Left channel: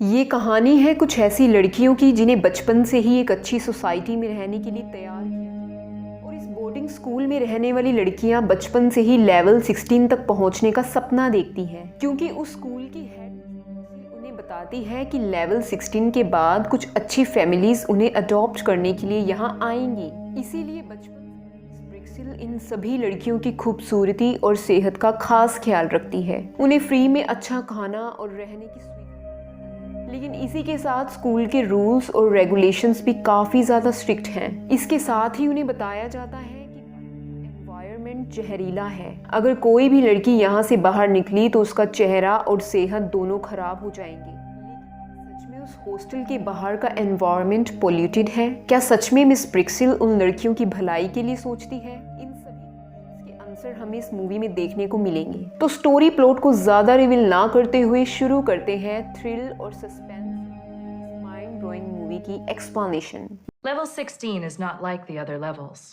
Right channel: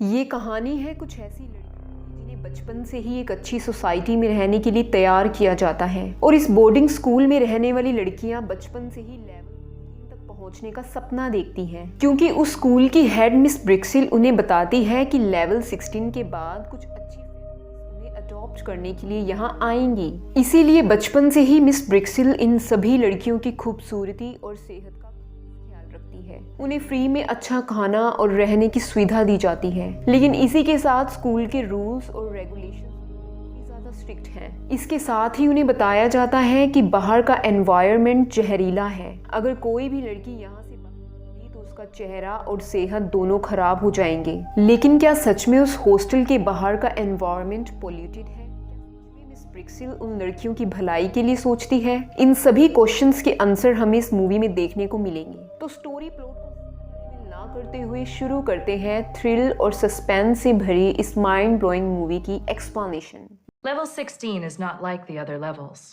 ये कहानी है कुछ ऐसी लड़कियों की जिन्हें बचपन से ही एक अच्छी सोसाइटी में रहने के लिए तैयार किया जाता है और इस बोर्डिंग स्कूल में रहने वाली लड़कियां बचपन से ही लेवल 16 तक पहुंचने का सपना देखती हैं क्योंकि उस स्कूल की हेड मिस ब्रिक्सिल उन्हें बताती है कि लेवल 16 के बाद कुछ अच्छी फैमिलीज उन्हें अडॉप्ट करने के लिए यहाँ आएंगी। इसीलिए बचपन से ही मिस ब्रिक्सिल इन सभी लड़कियों की खूबसूरती और सेहत का खास ख्याल रखती है। उन्हें फ्री में अच्छा खाना और रहने की सुविधा दी जाती है, लेकिन इसी के साथ स्कूल के रूल्स और रेगुलेशंस भी काफी ज्यादा स्ट्रिक्ट हैं। इसके साथ ही उन्हें बताया जाता है कि बाहर का एनवायरनमेंट जहरीला है। अगर कोई भी लड़की यहाँ से बाहर निकली तो उसका चेहरा और सेहत दोनों खराब हो जाएंगे। लेकिन क्या सच में उस हॉस्टल के बाहर का एनवायरनमेंट पोल्यूटेड है? क्या सच में मिस ब्रिक्सिल उन लड़कियों की भलाई के लिए सोचती है? इन सभी क्वेश्चंस के आंसर हमें इस मूवी में देखने को मिलेंगे। तो स्टोरी प्लॉट को ज्यादा रिवील ना करते हुए शुरू करते हैं थ्रिल और सस्पेंस से भरी इस माइंड ब्लोइंग मूवी की explanation. Level 16 is not like the other levels.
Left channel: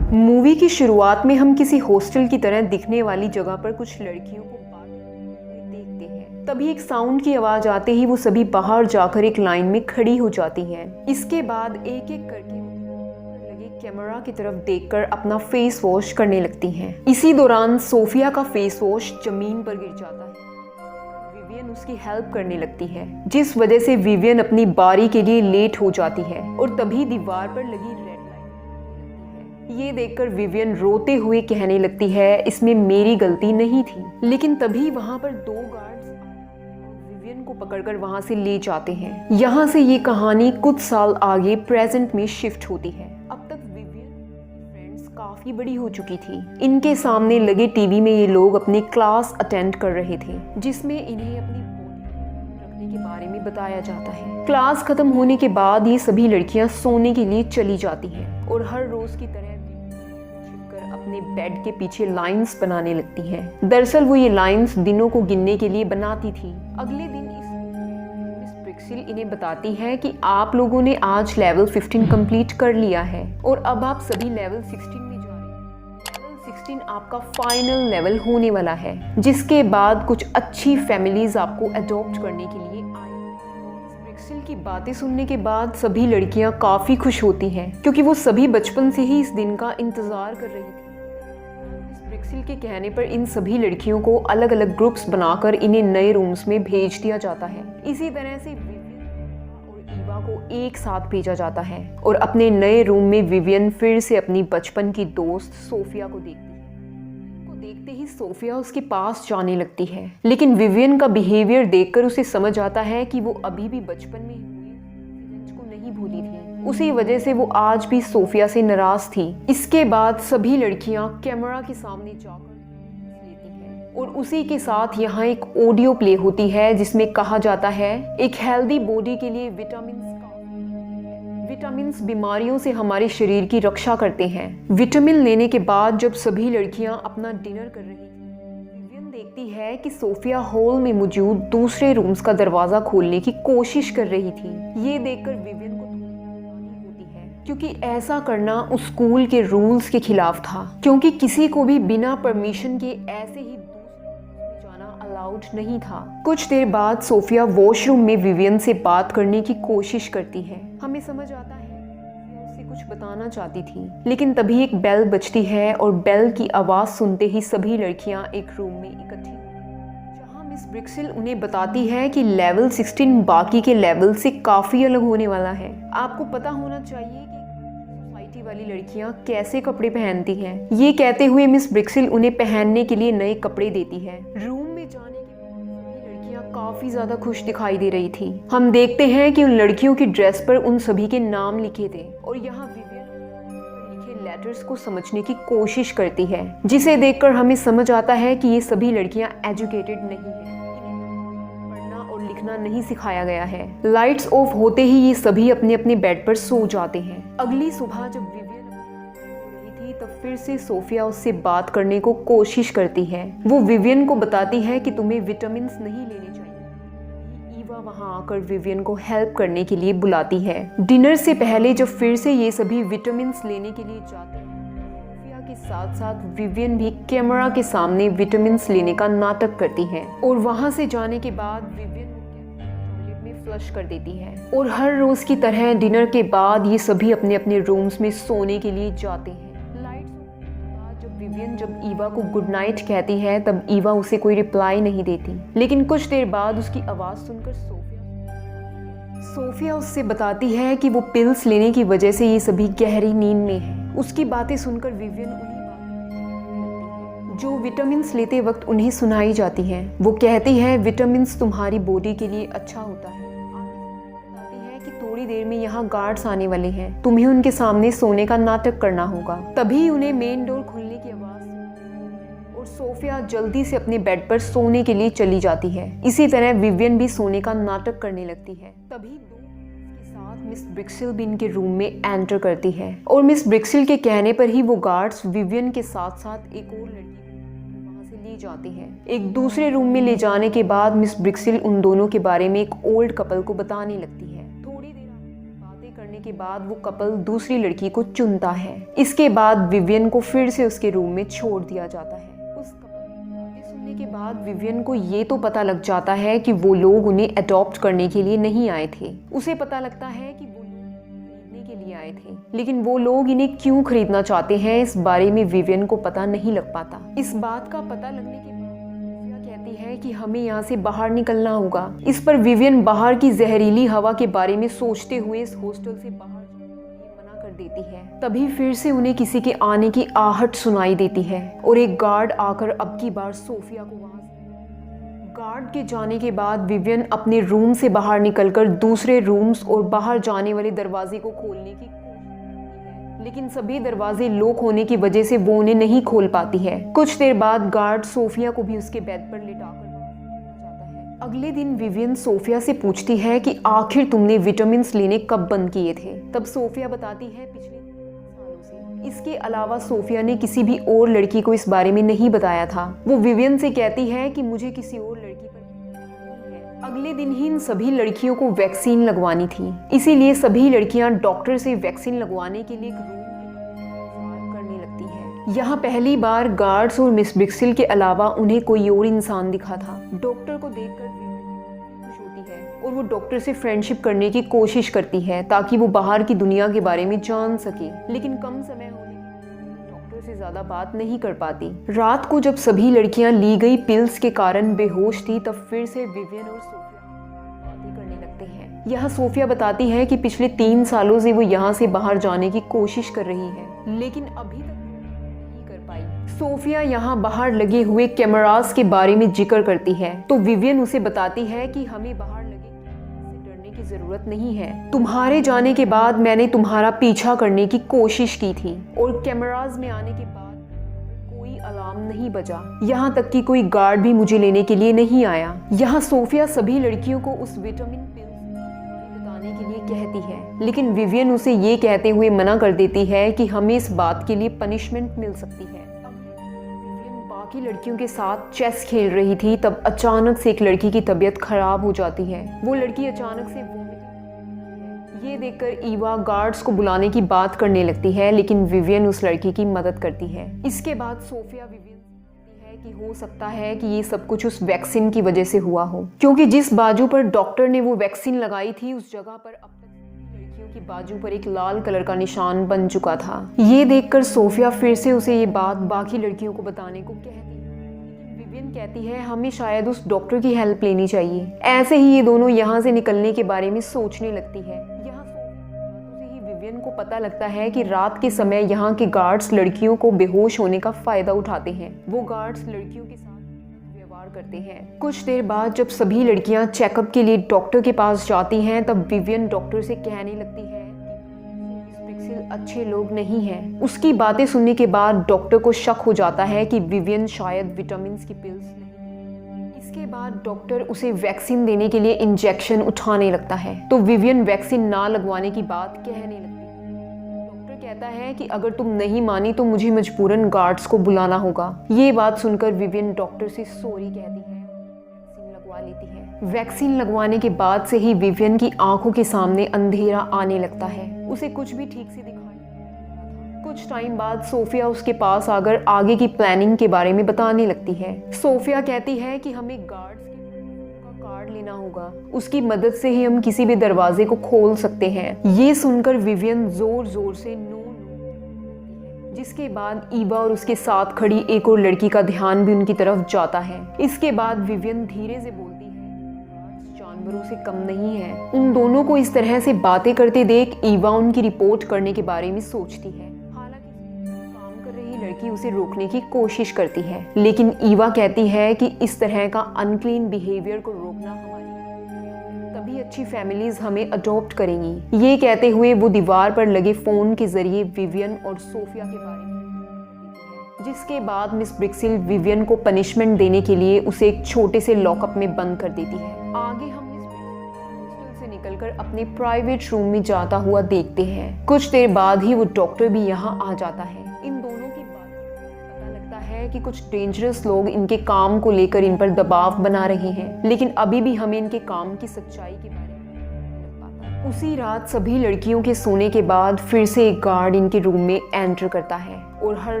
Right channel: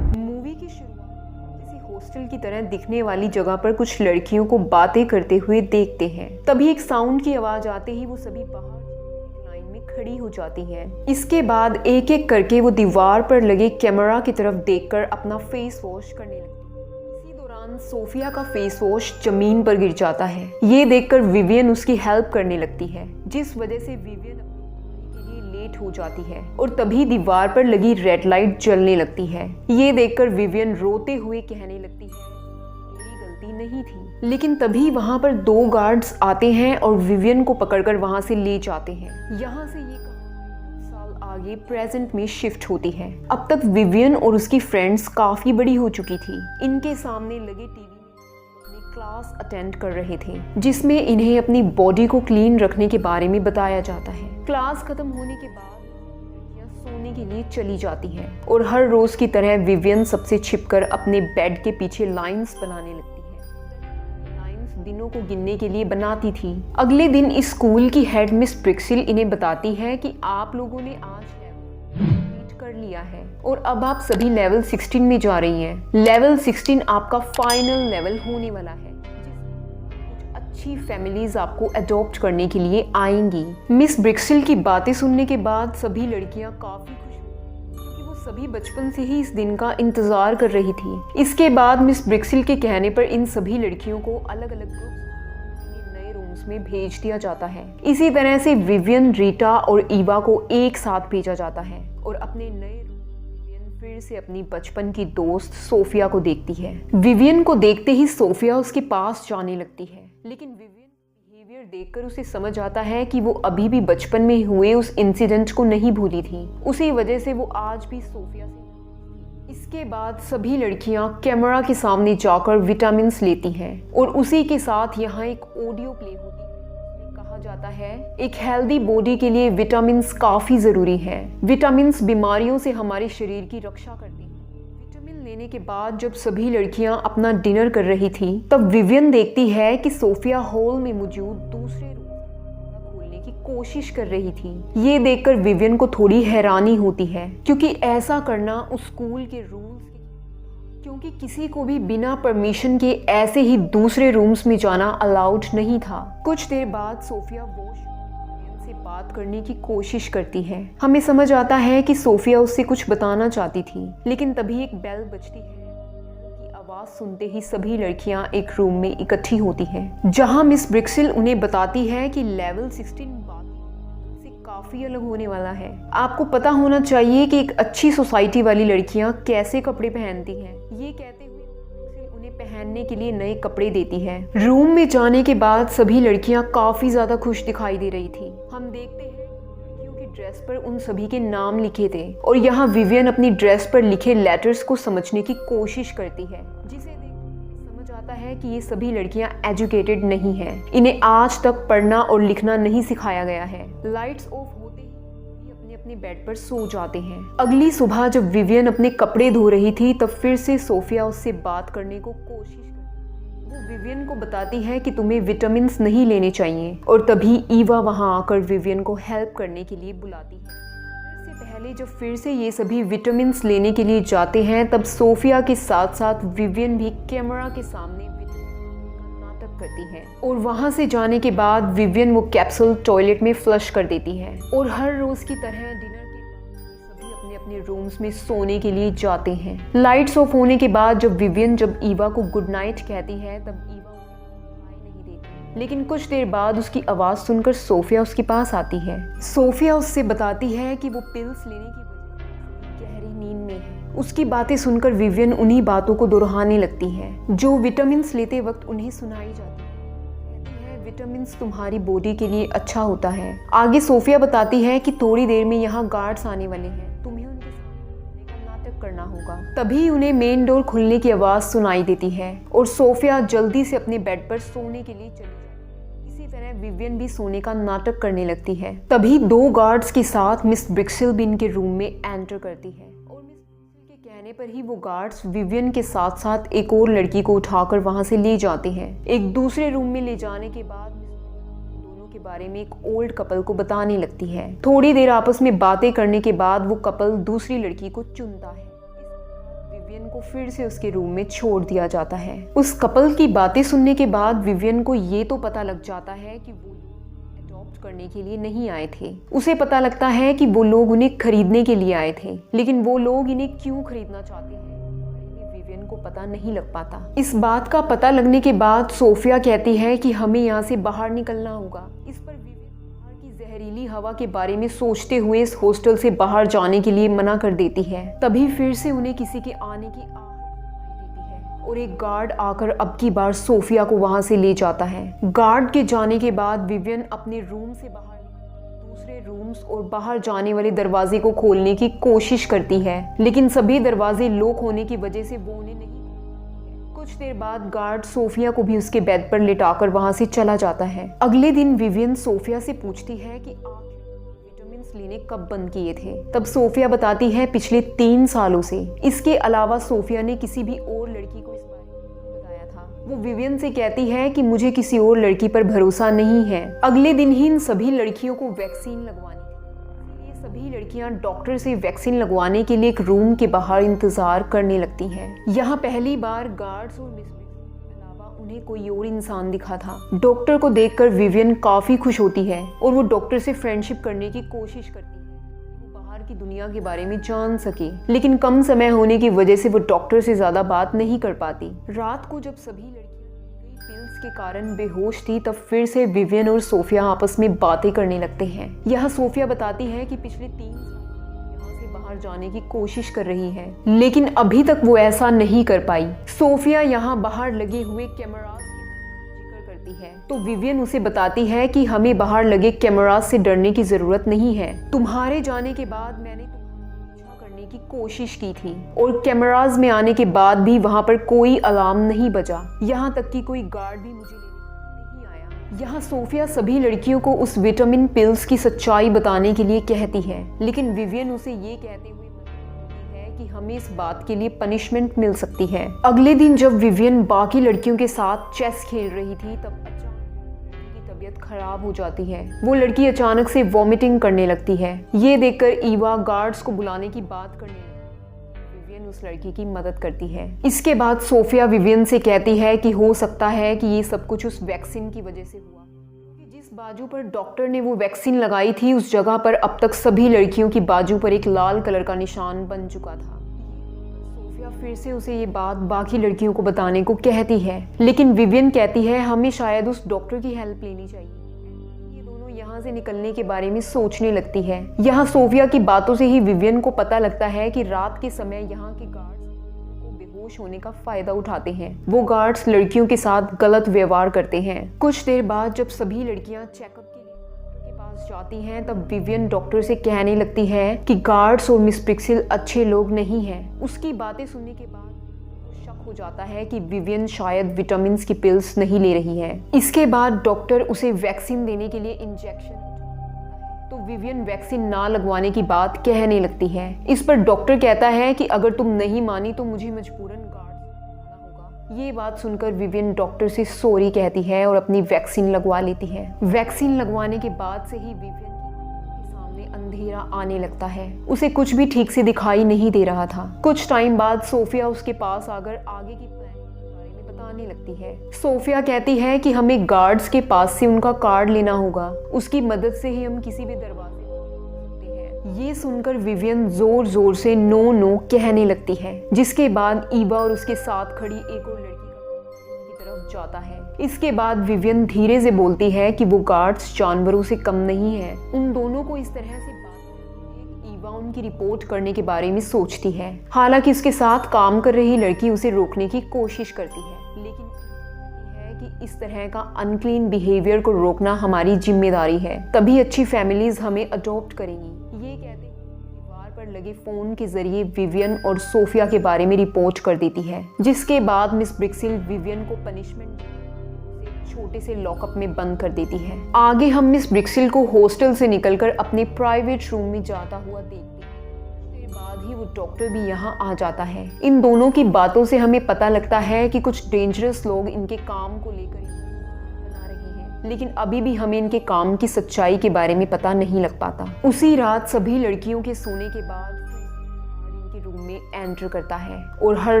Movie की शुरुआत में हम किसी हॉस्टल की तरह दिखने वाली जगह पर कुछ लड़कियों को बातें करते हुए देखते हैं। तभी एक साउंड की आवाज आते ही वो सभी बाहर जाकर एक लाइन में खड़ी हो जाती हैं। इसके बाद एक एक करके वो दीवार पर लगे कैमरा की तरफ देखकर अपना फेस वॉश करने लगती हैं। इसी दौरान सोफिया का फेस वॉश जमीन पर गिर जाता है। ये देखकर विवियन उसकी हेल्प करने लगती है, जिस वजह से विवियन अपनी बारी के लिए लेट हो जाती है और तभी दीवार पर लगी रेड लाइट जलने लगती है। ये देखकर विवियन रोते हुए कहने लगती है इसमें मेरी गलती नहीं थी। लेकिन तभी वहाँ पर दो गार्ड्स आते हैं और विवियन को पकड़कर वहाँ से ले जाते हैं। यहाँ से ये कहानी कुछ साल आगे प्रेजेंट में शिफ्ट होती है। अब तक विवियन और उसकी फ्रेंड्स काफी बड़ी हो चुकी थी। इनके सामने लगे टीवी में ये लोग अपनी क्लास अटेंड कर रहे थे, जिसमें इन्हें अपनी बॉडी को क्लीन रखने के बारे में बताया जाता है। क्लास खत्म होने के बाद ये सभी लड़कियां सोने के लिए चली जाती हैं और हर रोज की तरह विवियन सबसे छिपकर अपने बेड के पीछे लाइंस बनाने लगती है। दरअसल वो ये लाइंस दिनों को गिनने के लिए बनाती थी। अगले दिन इस स्कूल की हेड मिस ब्रिक्सिल इन्हें बताती है कि आप लोगों ने आज लेवल 15 कंप्लीट कर लिया है और अब आप सभी लेवल 16 में जा रही हैं। लेवल 16 आपका फाइनल लेवल होने वाला है, जिसके बाद कुछ अच्छी फैमिलीज आपको अडॉप्ट करने के लिए आएंगी। मिस ब्रिक्सिल की बातें सुनने के बाद सभी लड़कियां काफी खुश होती हैं, क्योंकि वो सभी बचपन से ही इस दिन का इंतजार कर रही थी। इसके बाद मिस ब्रिक्सिल के कहने पर इन सभी लड़कियों को अलग अलग ग्रुप्स बनाकर इन्हें नए रूम्स में भेज दिया जाता है। इसी तरह से विवियन, रीटा और ईवा को एक साथ भेजा जाता है और अपने नए रूम में विवियन फिर से अपनी बचपन की दोस्त सोफिया को देखती है। विवियन को देखते ही सोफिया उसके पास जाने लगती है, लेकिन विवियन का बिहेवियर देखकर उसे समझ आता है कि वो अभी भी बचपन में हुए उस इंसिडेंट को नहीं भूली थी। उसी वजह से वो आज भी सोफिया से नाराज थी। इसके बाद सभी लड़कियां कैमरा के सामने जाकर विटामिन लेती हैं और उसी के साथ यहाँ एक ऑडियो प्ले होती है जिसमें कहा जाता है एक हेल्दी बॉडी के लिए विटामिन काफी जरूरी है। विटामिन बीमारियों से हमारे शरीर की रक्षा करते हैं। विटामिन लेने के बाद जब सभी लड़कियां अपना डिनर कर रही थी, तब विवियन देखती है कि सोफिया हॉल में मौजूद दूसरे रूम्स का दरवाजा खोलने की कोशिश कर रही थी। ये देखकर विवियन को थोड़ी हैरानी होती है, क्योंकि ऐसा करना उस स्कूल के रूल्स के खिलाफ था, क्योंकि किसी को भी बिना परमिशन के ऐसे ही दूसरे रूम्स में जाना अलाउड नहीं था। कुछ देर बाद सोफिया वॉशरूम में विवियन से बात करने की कोशिश करती है। हमें समझ आता है कि सोफिया उससे कुछ बताना चाहती थी, लेकिन तभी एक बेल बजती है और बेल की आवाज सुनते ही सभी लड़कियां एक रूम में इकट्ठी होती हैं, जहां मिस ब्रिक्सिल उन्हें बताती है कि लेवल 16 बाकी के लेवल से काफी अलग होने वाला है। आपको पता होना चाहिए कि एक अच्छी सोसाइटी वाली लड़कियां कैसे कपड़े पहनती हैं। ये कहते हुए मिस ब्रिक्सिल उन्हें पहनने के लिए नए कपड़े देती है। रूम में जाने के बाद सभी लड़कियां काफी ज्यादा खुश दिखाई दे रही थी। हम देखते हैं कि उन लड़कियों की ड्रेस पर उन सभी के नाम लिखे थे और यहाँ विवियन अपनी ड्रेस पर लिखे लेटर्स को समझने की कोशिश करती है, जिसे देखकर हमें समझ आता है कि ये सभी लड़कियां एजुकेटेड नहीं हैं। इन्हें आज तक पढ़ना और लिखना नहीं सिखाया गया है। लाइट्स ऑफ होते ही ये सभी अपने अपने बेड पर सो जाते हैं। अगली सुबह जब विवियन अपने कपड़े धो रही थी, तब फिर से सोफिया उससे बात करने को कोशिश करती है। वो विवियन को बताती है कि तुम्हें विटामिन नहीं लेने चाहिए और तभी ईवा वहाँ आकर विवियन को हेल्प करने के लिए बुलाती है। डिनर डिनर से पहले जब फिर से ये सभी विटामिन लेने के लिए जाते हैं तब सोफिया के साथ साथ विवियन भी कैमरा के सामने विटामिन लेने का नाटक करती है और वहां से जाने के बाद विवियन वो कैप्सूल टॉयलेट में फ्लश कर देती है। और हर रोज की तरह डिनर के बाद ये सभी अपने अपने रूम्स में सोने के लिए जाते हैं। लाइट्स ऑफ होने के बाद जब विवियन ईवा को गुड नाइट कहती है तब ईवा उसे कोई रिप्लाई नहीं देती, लेकिन कुछ देर बाद उसकी आवाज सुनकर सोफिया उसके पास आती है। सोफिया उससे बताती है कि वो पिल्स लेने की वजह से ये सभी गहरी नींद में है। उसकी बातें सुनकर विवियन उन्हीं बातों को दोहराने लगती है जो विटामिन्स लेते वक्त उन्हें सुनाई जाती है। वो कहती है विटामिन्स तुम्हारी बॉडी के लिए अच्छा होता है। आगे सोफिया बताती है कि थोड़ी देर में यहाँ गार्ड्स आने वाले हैं, तुम्हें उनके सामने सोने का नाटक करना होगा। तभी उन्हें मेन डोर खुलने की आवाज सुनाई देती है और सोफिया जल्दी से अपने बेड पर सोने के लिए चली जाती है। इसी तरह विवियन भी सोने का नाटक करने लगती है। तभी 2 गार्ड्स के साथ मिस ब्रिक्सिल भी इनके रूम में एंटर करती है और मिस ब्रिक्सिल के कहने पर ही वो गार्ड्स विवियन के साथ साथ एक और लड़की को उठाकर वहां से ले जाते हैं। एक दूसरे रूम में ले जाने के बाद मिस ब्रिक्सिल उन दोनों के बारे में एक ओल्ड कपल को बताने लगती है। थोड़ी देर आपस में बातें करने के बाद वो कपल दूसरी लड़की को चुनता है। इसके बाद विवियन को फिर से उसके रूम में छोड़ दिया जाता है। उस कपल की बातें सुनने के बाद विवियन को ये तो पता लग जाता है कि वो लोग उन्हें अडॉप्ट करने के लिए नहीं आए थे। उसे पता लगता है कि वो लोग उन्हें खरीदने के लिए आए थे, लेकिन वो लोग इन्हें क्यों खरीदना चाहते हैं इस बारे में विवियन को पता नहीं लग पाता। इस बात का पता लगने के बाद सोफिया कहती है कि हमें यहाँ से बाहर निकलना होगा। इस पर विवियन बाहर की जहरीली हवा के बारे में सोचते हुए इस हॉस्टल से बाहर जाने के लिए मना कर देती है। तभी फिर से उन्हें किसी के आने की आहट सुनाई देती है और एक गार्ड आकर अब की बार सोफिया को वहां से ले जाता है। गार्ड के जाने के बाद विवियन अपने रूम से बाहर निकलकर दूसरे रूम्स और बाहर जाने वाले दरवाजे को खोलने की कोशिश करती है, लेकिन सभी दरवाजे लॉक होने की वजह से वो उन्हें नहीं खोल पाती है। कुछ देर बाद गार्ड सोफिया को भी उसके बेड पर लिटाकर वहां से चला जाता है। अगले दिन विवियन सोफिया से पूछती है कि आखिर तुमने विटामिन लेने कब बंद किए थे। तब सोफिया बताती है पिछले 3 सालों से। इसके अलावा सोफिया ने किसी भी और लड़की को इस बारे में नहीं बताया था। वो विवियन से कहती है कि मुझे किसी और लड़की पर भरोसा नहीं है। अगले दिन ही इन सभी लड़कियों को वैक्सीन लगवानी थी, इसीलिए सभी लड़कियां डॉक्टर से वैक्सीन लगवाने के लिए एक रूम के बाहर इंतजार करने लगती हैं। यहाँ पहली बार गार्ड्स और मिस ब्रिक्सिल के अलावा उन्हें कोई और इंसान दिखा था। डॉक्टर को देखकर विवियन काफी खुश होती है और वो डॉक्टर से फ्रेंडशिप करने की कोशिश करती है ताकि वो बाहर की दुनिया के बारे में जान सके, लेकिन कम समय होने की वजह से वो डॉक्टर से ज्यादा बात नहीं कर पाती। रात को जब सभी लड़कियां ली गई पिल्स के कारण बेहोश थी तब फिर से विवियन और सोफिया आपस में बातें करने लगते हैं। यहाँ सोफिया बताती है कि पिछले 3 सालों से वो यहाँ से बाहर जाने की कोशिश कर रही है, लेकिन अभी तक वो ऐसा नहीं कर पाई। सोफिया यहाँ बाहर लगे हुए कैमरास के बारे में जिक्र करती है तो विवियन उसे बताती है कि हमें बाहर लगे कैमरास से डरने की जरूरत नहीं है। तुम्हारे जाने के बाद मैंने तुम्हारा पीछा करने की कोशिश की थी और कैमरास में आने के बाद भी वहाँ पर कोई अलार्म नहीं बजा, यहाँ तक कि कोई गार्ड भी मुझे लेने के लिए नहीं आया। यहाँ सोफिया सभी लड़कियों को उस विटामिन पिल्स की सच्चाई बताने के लिए कहती है, लेकिन विवियन उसे ये कहते हुए मना कर देती है कि हमें इस बात के लिए पनिशमेंट मिल सकती है। अगले दिन जब विवियन बाकी लड़कियों के साथ चेस खेल रही थी तब अचानक से एक लड़की की तबीयत खराब हो जाती है। वो लड़की अचानक से वॉमिटिंग करने लगती है। ये देखकर ईवा गार्ड्स को बुलाने की बात करने लगती है, लेकिन विवियन उस लड़की की मदद करती है। इसके बाद सोफिया विवियन से कहती है कि हो सकता है कि ये सब कुछ उस वैक्सीन की वजह से हुआ हो, क्योंकि जिस बाजू पर डॉक्टर ने वो वैक्सीन लगाई थी उस जगह पर अब तक सभी लड़कियों की बाजू पर एक लाल कलर का निशान बन चुका था। ये देखकर सोफिया फिर से उसे ये बात बाकी लड़कियों को बताने को कहती है, लेकिन विवियन कहती है हमें शायद उस डॉक्टर की हेल्प लेनी चाहिए। ऐसे ही ये दोनों यहाँ से निकलने के बारे में सोचने लगती है। यहाँ सोफिया की बातों से ही विवियन को पता लगता है कि रात के समय यहाँ के गार्ड्स लड़कियों को बेहोश होने का फायदा उठाते हैं। वो गार्ड्स लड़कियों के साथ गलत व्यवहार करते हैं। कुछ देर बाद जब सभी लड़कियां चेकअप के लिए डॉक्टर के पास जाती हैं तब विवियन डॉक्टर से कहने लगती है कि गार्ड्स और मिस ब्रिक्सिल अच्छे लोग नहीं हैं। उसकी बातें सुनने के बाद डॉक्टर को शक हो जाता जाता है कि विवियन शायद विटामिन की पिल्स नहीं ले रही है। इसके बाद डॉक्टर उसे वैक्सीन देने के लिए इंजेक्शन उठाने लगता है तो विवियन वैक्सीन ना लगवाने की बात कहने लगती है। इस पर डॉक्टर कहता है कि अगर तुम नहीं मानी तो मुझे मजबूरन गार्ड्स को बुलाना होगा। ये बात सुनकर विवियन डॉक्टर से सॉरी कहती है और अपनी वैक्सीन लगवा लेती है। वैक्सीन लगवाने के बाद से ही विवियन की आंखों के सामने अंधेरा आने लगता है। उसे कुछ भी ठीक से दिखाई नहीं दे रहा था। कुछ टाइम बाद सोफिया उसके पास आकर आगे की प्लानिंग के बारे में बताने लगती है। सोफिया कहती है कि हमें गार्ड्स के पास से उनका कार्ड लेना होगा, उसकी मदद से ही हम किसी भी दरवाजे को खोल सकते हैं। ये सुनकर विवियन जोर जोर से नो नो कहने लगती है, जिसके बाद ईवा और उसके साथ खड़ी एक और लड़की का ध्यान भी उनकी तरफ जाता है। इसके बाद विवियन धीरे से बोलती है कि वो गार्ड्स जानवरों से कम नहीं है। उन दोनों को इस तरह से बातें करते देख ईवा उनकी रिपोर्ट करने के बारे में सोचती है। हालांकि उसके साथ काम कर रही लड़की उसे रोकने की कोशिश करती है, लेकिन ईवा कहती है कि इस तरह का अनक्लीन बिहेवियर को रोकना हमारी जिम्मेदारी है, तभी अच्छी फैमिलीज हमें अडॉप्ट करेंगी। ये कहते हुए वो दीवार पर लगे फोन के जरिए विवियन और सोफिया के बारे में रिपोर्ट कर देती है। जिसके बाद मिस ब्रिक्सिल विवियन को पनिशमेंट देने के लिए उसे एक छोटे से लॉकअप में बंद कर देती है। आगे हम मिस ब्रिक्सिल को हॉस्टल से निकलकर अपने प्राइवेट रूम में जाता हुआ देखते हैं। कुछ देर बाद ही वो डॉक्टर भी यहाँ आ जाता है। इन दोनों की बातों से हमें पता लगता है कि कुछ डेंजरस लोग इनके काम को लेकर इन पर दबाव बना रहे हैं, लेकिन अभी भी हमें इनके काम की सच्चाई के बारे में पता नहीं लग पाता। उसी रात सभी लड़कियों के सोने के बाद फिर से एक गार्ड इनके रूम में एंटर करता है और हर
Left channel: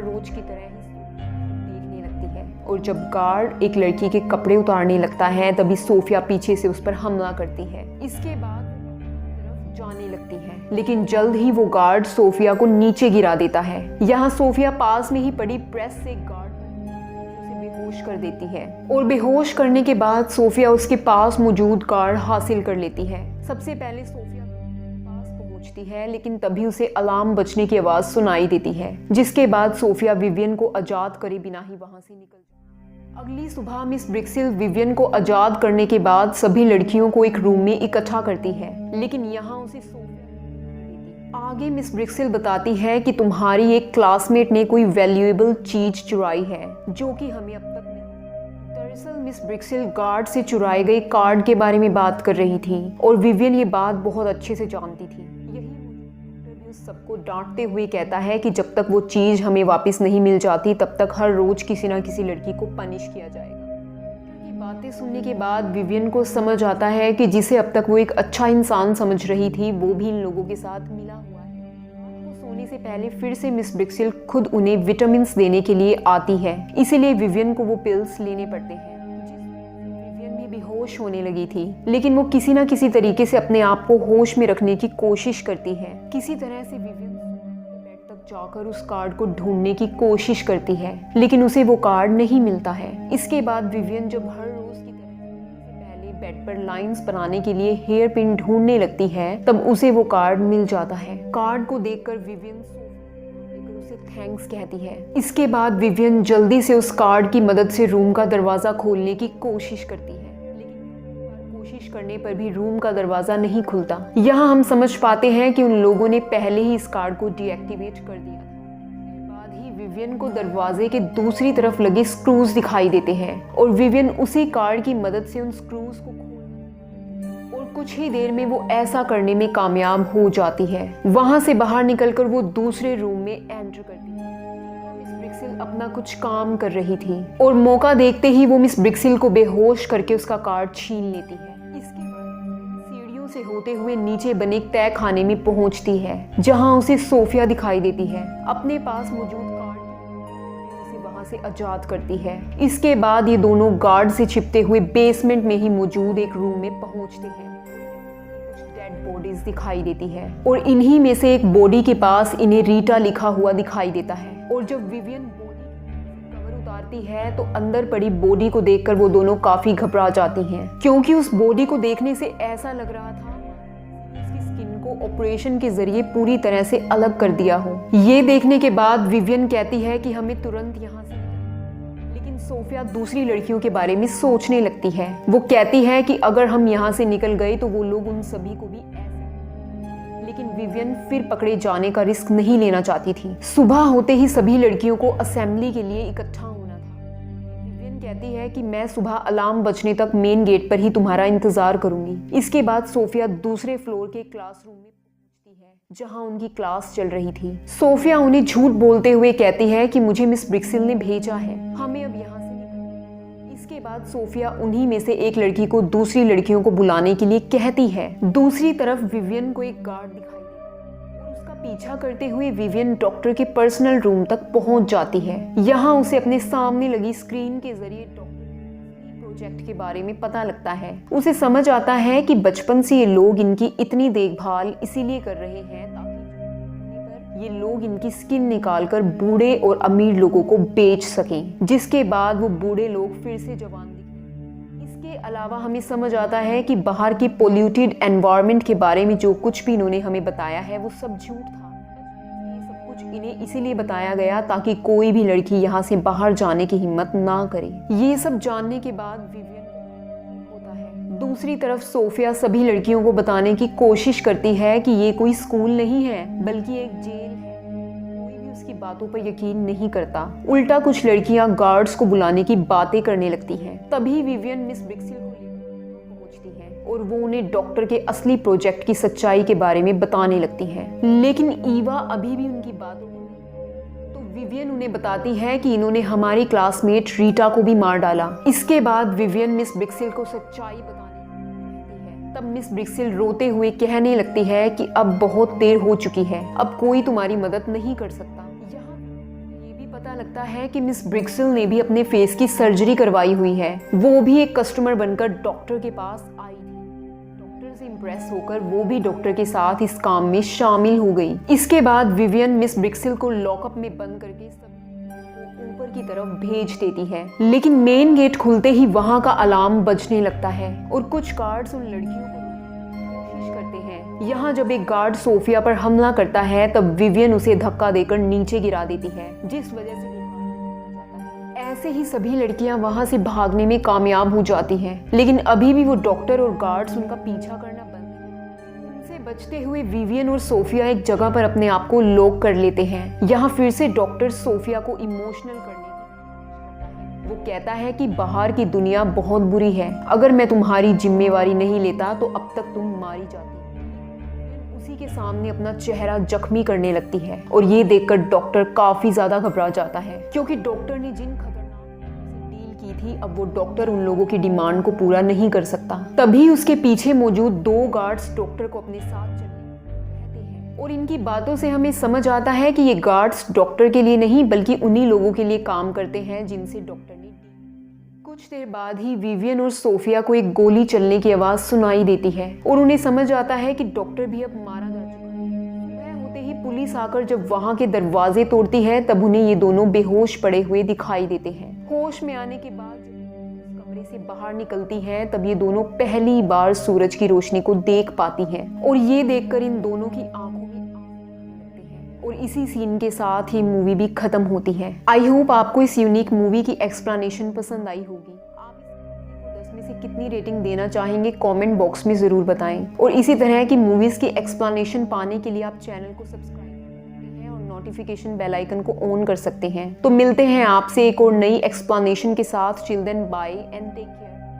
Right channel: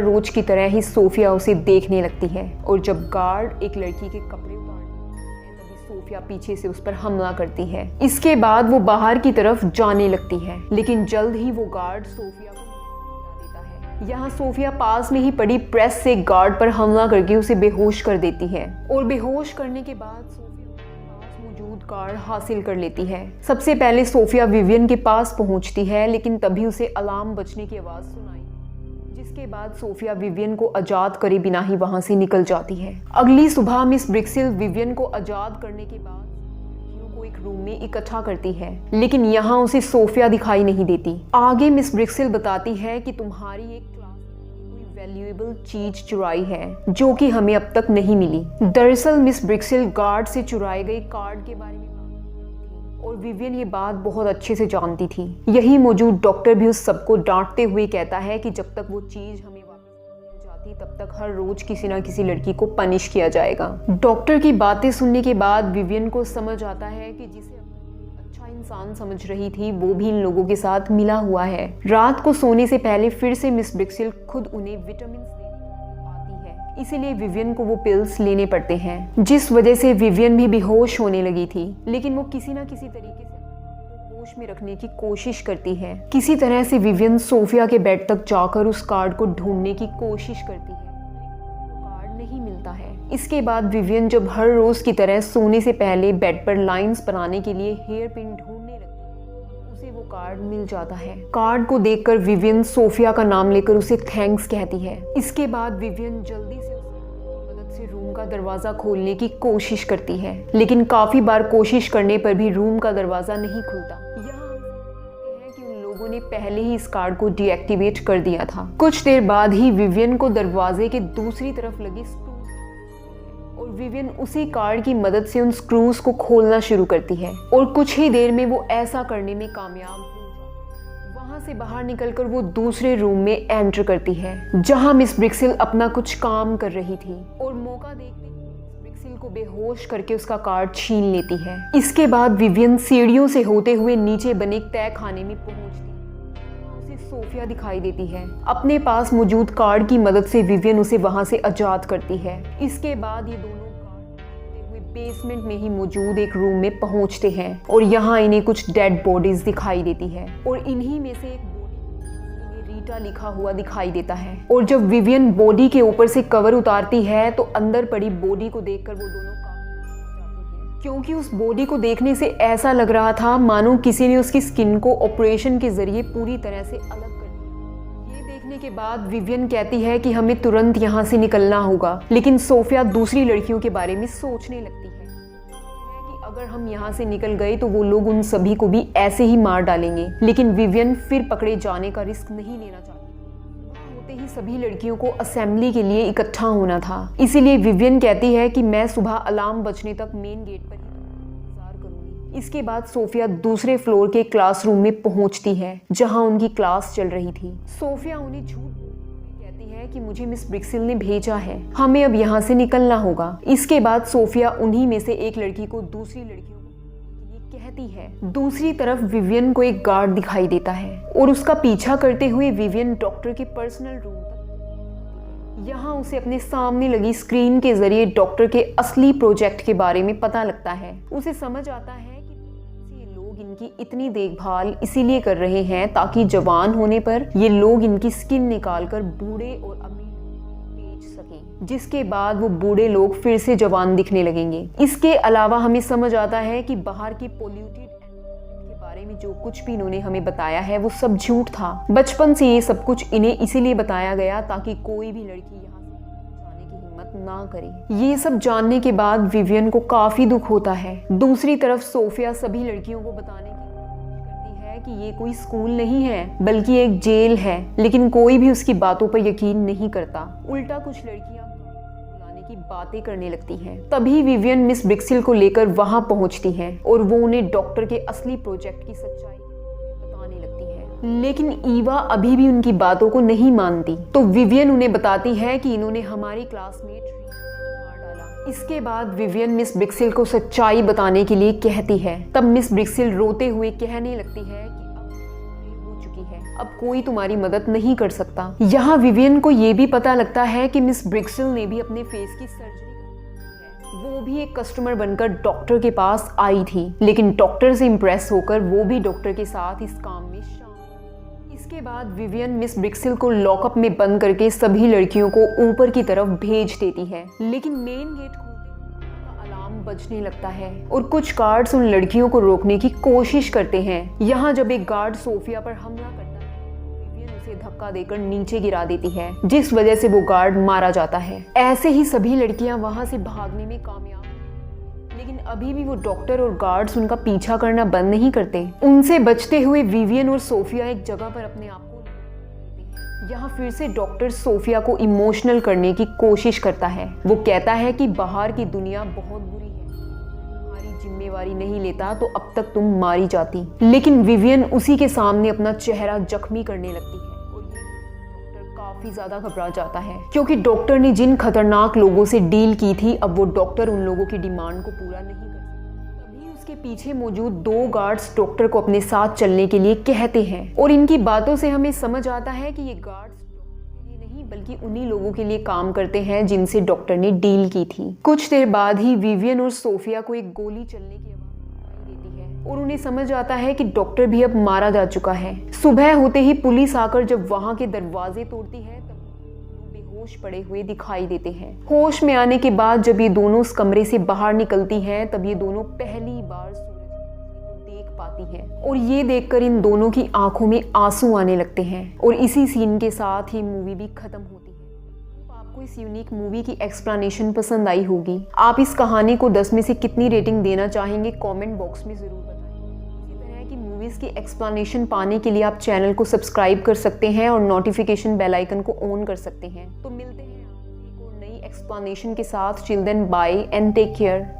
रोज की तरह ही सोफिया उसे देखने लगती है। और जब गार्ड एक लड़की के कपड़े उतारने लगता है तभी सोफिया पीछे से उस पर हमला करती है। इसके बाद वो बाहर की तरफ जाने लगती है, लेकिन जल्द ही वो गार्ड सोफिया को नीचे गिरा देता है। यहाँ सोफिया पास में ही पड़ी प्रेस से गार्ड पर हमला करके उसे बेहोश कर देती है और बेहोश करने के बाद सोफिया उसके पास मौजूद कार्ड हासिल कर लेती है। सबसे पहले सोफिया विवियन के पास पहुंचती है, लेकिन तभी उसे अलार्म बजने की आवाज सुनाई देती है, जिसके बाद सोफिया विवियन को आजाद करे बिना ही वहां से निकल जाती है। अगली सुबह मिस ब्रिक्सिल विवियन को आजाद करने के बाद सभी लड़कियों को एक रूम में इकट्ठा करती है, लेकिन यहाँ उसे सोफिया दिखाई नहीं देती। आगे मिस ब्रिक्सिल बताती है कि तुम्हारी एक क्लासमेट ने कोई वैल्यूएबल चीज चुराई है जो कि हमें अब तक नहीं मिली। दरअसल मिस ब्रिक्सिल गार्ड से चुराए गए कार्ड के बारे में बात कर रही थी और विवियन ये बात बहुत अच्छे से जानती थी। यही मौजूद डॉक्टर भी उस सबको डांटते हुए कहता है कि जब तक वो चीज हमें वापस नहीं मिल जाती तब तक हर रोज किसी न किसी लड़की को पनिश किया जाएगा। डॉक्टर की बातें सुनने के बाद विवियन को समझ आता है कि जिसे अब तक वो एक अच्छा इंसान समझ रही थी वो भी इन लोगों के साथ मिला हुआ है। रात को सोने से पहले फिर से मिस ब्रिक्सिल खुद उन्हें विटामिन देने के लिए आती है, इसीलिए विवियन को वो पिल्स लेने पड़ते हैं, जिस वजह से विवियन भी बेहोश होने लगी थी। लेकिन वो किसी न किसी तरीके से अपने आप को होश में रखने की कोशिश करती है। किसी तरह से विवियन सोफिया के बेड तक जाकर उस कार्ड को ढूंढने की कोशिश करती है, लेकिन उसे वो कार्ड नहीं मिलता है। इसके बाद विवियन जब हर रोज की तरह सोने से पहले बेड पर लाइंस बनाने के लिए हेयर पिन ढूंढने लगती है तब उसे वो कार्ड मिल जाता है। कार्ड को देखकर विवियन सोफिया का नाम लेकर उसे थैंक्स कहती है। इसके बाद विवियन जल्दी से उस कार्ड की मदद से रूम का दरवाजा खोलने की कोशिश करती है, लेकिन काफी बार कोशिश करने पर भी रूम का दरवाजा नहीं खुलता। यहाँ हम समझ पाते हैं कि उन लोगों ने पहले ही इस कार्ड को डीएक्टिवेट कर दिया था। कुछ देर बाद ही विवियन को दरवाजे के दूसरी तरफ लगे स्क्रूज दिखाई देते हैं और विवियन उसी कार्ड की मदद से उन स्क्रूज को खोलना शुरू करती है और कुछ ही देर में वो ऐसा करने में कामयाब हो जाती है। वहां से बाहर निकलकर वो दूसरे रूम में एंटर करती है जहां मिस ब्रिक्सिल अपना कुछ काम कर रही थी और मौका देखते ही वो मिस ब्रिक्सिल को बेहोश करके उसका कार्ड छीन लेती है। इसके बाद विवियन सीढ़ियों से होते हुए नीचे बने तय खाने में पहुंचती है जहां उसे सोफिया दिखाई देती है। अपने पास मौजूद कार्ड की मदद से विवियन उसे वहां से आजाद करती है। इसके बाद ये दोनों गार्ड से छिपते हुए बेसमेंट में ही मौजूद एक रूम में पहुंचते हैं और यहाँ इन्हें कुछ डेड बॉडीज दिखाई देती है और इन्हीं में से एक बॉडी के पास इन्हें रीटा लिखा हुआ दिखाई देता है। और जब विवियन बॉडी के ऊपर से कवर उतारती है तो अंदर पड़ी बॉडी को देखकर वो दोनों काफी घबरा जाती हैं, क्योंकि उस बॉडी को देखने से ऐसा लग रहा था मानो किसी ने उसकी स्किन को ऑपरेशन के जरिए पूरी तरह से अलग कर दिया हो। ये देखने के बाद विवियन कहती है कि हमें तुरंत यहाँ से निकलना होगा, लेकिन सोफिया दूसरी लड़कियों के बारे में सोचने लगती है। वो कहती है कि अगर हम यहाँ से निकल गए तो वो लोग उन सभी को भी ऐसे ही मार डालेंगे, लेकिन विवियन फिर पकड़े जाने का रिस्क नहीं लेना चाहती थी। सुबह होते ही सभी लड़कियों को असेंबली के लिए इकट्ठा होना था। इसीलिए विवियन कहती है कि मैं सुबह अलार्म बजने तक मेन गेट पर ही तुम्हारा इंतजार करूंगी। इसके बाद सोफिया दूसरे फ्लोर के क्लासरूम में पहुंचती है जहां उनकी क्लास चल रही थी। सोफिया उन्हें झूठ बोलते हुए कहती है कि मुझे मिस ब्रिक्सिल ने भेजा है, हमें अब यहाँ से निकलना होगा। इसके बाद सोफिया उन्हीं में से एक लड़की को दूसरी लड़कियों को बुलाने के लिए कहती है। दूसरी तरफ विवियन को एक गार्ड दिखाई देता है और उसका पीछा करते हुए विवियन डॉक्टर के पर्सनल रूम तक पहुंच जाती है। यहाँ उसे अपने सामने लगी स्क्रीन के जरिए डॉक्टर के असली प्रोजेक्ट के बारे में पता लगता है। उसे समझ आता है कि बचपन से ये लोग इनकी इतनी देखभाल इसीलिए कर रहे हैं ताकि जवान होने पर ये लोग इनकी स्किन निकालकर बूढ़े और अमीर लोगों को बेच सकें, जिसके बाद वो बूढ़े लोग फिर से जवान दिखने लगेंगे। इसके अलावा हमें समझ आता है कि बाहर की पोल्यूटेड एनवायरनमेंट के बारे में जो कुछ भी इन्होंने हमें बताया है वो सब झूठ था। बचपन से ये सब कुछ इन्हें इसीलिए बताया गया ताकि कोई भी लड़की यहाँ से बाहर जाने की हिम्मत ना करे। ये सब जानने के बाद विवियन को काफी दुख होता है। दूसरी तरफ सोफिया सभी लड़कियों को बताने की कोशिश करती है कि ये कोई स्कूल नहीं है बल्कि एक जेल है, लेकिन कोई भी उसकी बातों पर यकीन नहीं करता। उल्टा कुछ लड़कियां गार्ड्स को बुलाने की बातें करने लगती हैं। तभी विवियन मिस ब्रिक्सिल को लेकर वहां पहुंचती है और वो उन्हें डॉक्टर के असली प्रोजेक्ट की सच्चाई के बारे में बताने लगती है। लेकिन ईवा अभी भी उनकी बातों को नहीं मानती, तो विवियन उन्हें बताती है कि इन्होंने हमारी क्लासमेट रीटा को भी मार डाला। इसके बाद विवियन मिस ब्रिक्सिल को सच्चाई बताने के लिए कहती है। तब मिस ब्रिक्सिल रोते हुए कहने लगती है कि अब बहुत देर हो चुकी है, अब कोई तुम्हारी मदद नहीं कर सकता। यहाँ विवियन को ये भी पता लगता है कि मिस ब्रिक्सिल ने भी अपने फेस की सर्जरी करवाई हुई है। वो भी एक कस्टमर बनकर डॉक्टर के पास आई थी, लेकिन डॉक्टर से इम्प्रेस होकर वो भी डॉक्टर के साथ इस काम में शामिल हो गई। इसके बाद विवियन मिस ब्रिक्सिल को लॉकअप में बंद करके सभी लड़कियों को ऊपर की तरफ भेज देती है। लेकिन मेन गेट खुलते ही वहां का अलार्म बजने लगता है और कुछ गार्ड्स उन लड़कियों को रोकने की कोशिश करते हैं। यहाँ जब एक गार्ड सोफिया पर हमला करता है तब विवियन उसे धक्का देकर नीचे गिरा देती है, जिस वजह से वो गार्ड मारा जाता है। ऐसे ही सभी लड़कियां वहां से भागने में कामयाब हो जाती हैं, लेकिन अभी भी वो डॉक्टर और गार्ड्स उनका पीछा करना बंद नहीं करते। उनसे बचते हुए विवियन और सोफिया एक जगह पर अपने आप को लॉक कर लेते हैं। यहाँ फिर से डॉक्टर सोफिया को इमोशनल करने की कोशिश करता है। वो कहता है कि बाहर की दुनिया बहुत बुरी है, अगर मैं तुम्हारी जिम्मेवारी नहीं लेता तो अब तक तुम मारी जाती। लेकिन विवियन उसी के सामने अपना चेहरा जख्मी करने लगती है और ये देखकर डॉक्टर काफी ज्यादा घबरा जाता है, क्योंकि डॉक्टर ने जिन खतरनाक लोगों से डील की थी अब वो डॉक्टर उन लोगों की डिमांड को पूरा नहीं कर सकता। तभी उसके पीछे मौजूद 2 गार्ड्स डॉक्टर को अपने साथ चलने के लिए कहते हैं और इनकी बातों से हमें समझ आता है कि ये गार्ड्स डॉक्टर के लिए नहीं बल्कि उन्हीं लोगों के लिए काम करते हैं जिनसे डॉक्टर ने डील की थी। कुछ देर बाद ही विवियन और सोफिया को एक गोली चलने की आवाज सुनाई देती है और उन्हें समझ आता है कि डॉक्टर भी अब मारा जा चुका है। सुबह होते ही पुलिस आकर जब वहाँ के दरवाजे तोड़ती है तब उन्हें ये दोनों बेहोश पड़े हुए दिखाई देते हैं। होश में आने के बाद जब ये दोनों उस कमरे से बाहर निकलती हैं तब ये दोनों पहली बार सूरज की रोशनी को देख पाती हैं और ये देखकर इन दोनों की आंखों में आंसू आने लगते हैं और इसी सीन के साथ ही मूवी भी खत्म होती है। आई होप आपको इस यूनिक मूवी की एक्सप्लेनेशन पसंद आई होगी। आप इस कहानी को 10 में से कितनी रेटिंग देना चाहेंगे कमेंट बॉक्स में जरूर बताएं और इसी तरह की मूवीज की एक्सप्लेनेशन पाने के लिए आप चैनल को सब्सक्राइब कर सकते हैं और नोटिफिकेशन बेल आइकन को ऑन कर सकते हैं। तो मिलते हैं आपसे एक और नई एक्सप्लेनेशन के साथ। Till then bye and take care.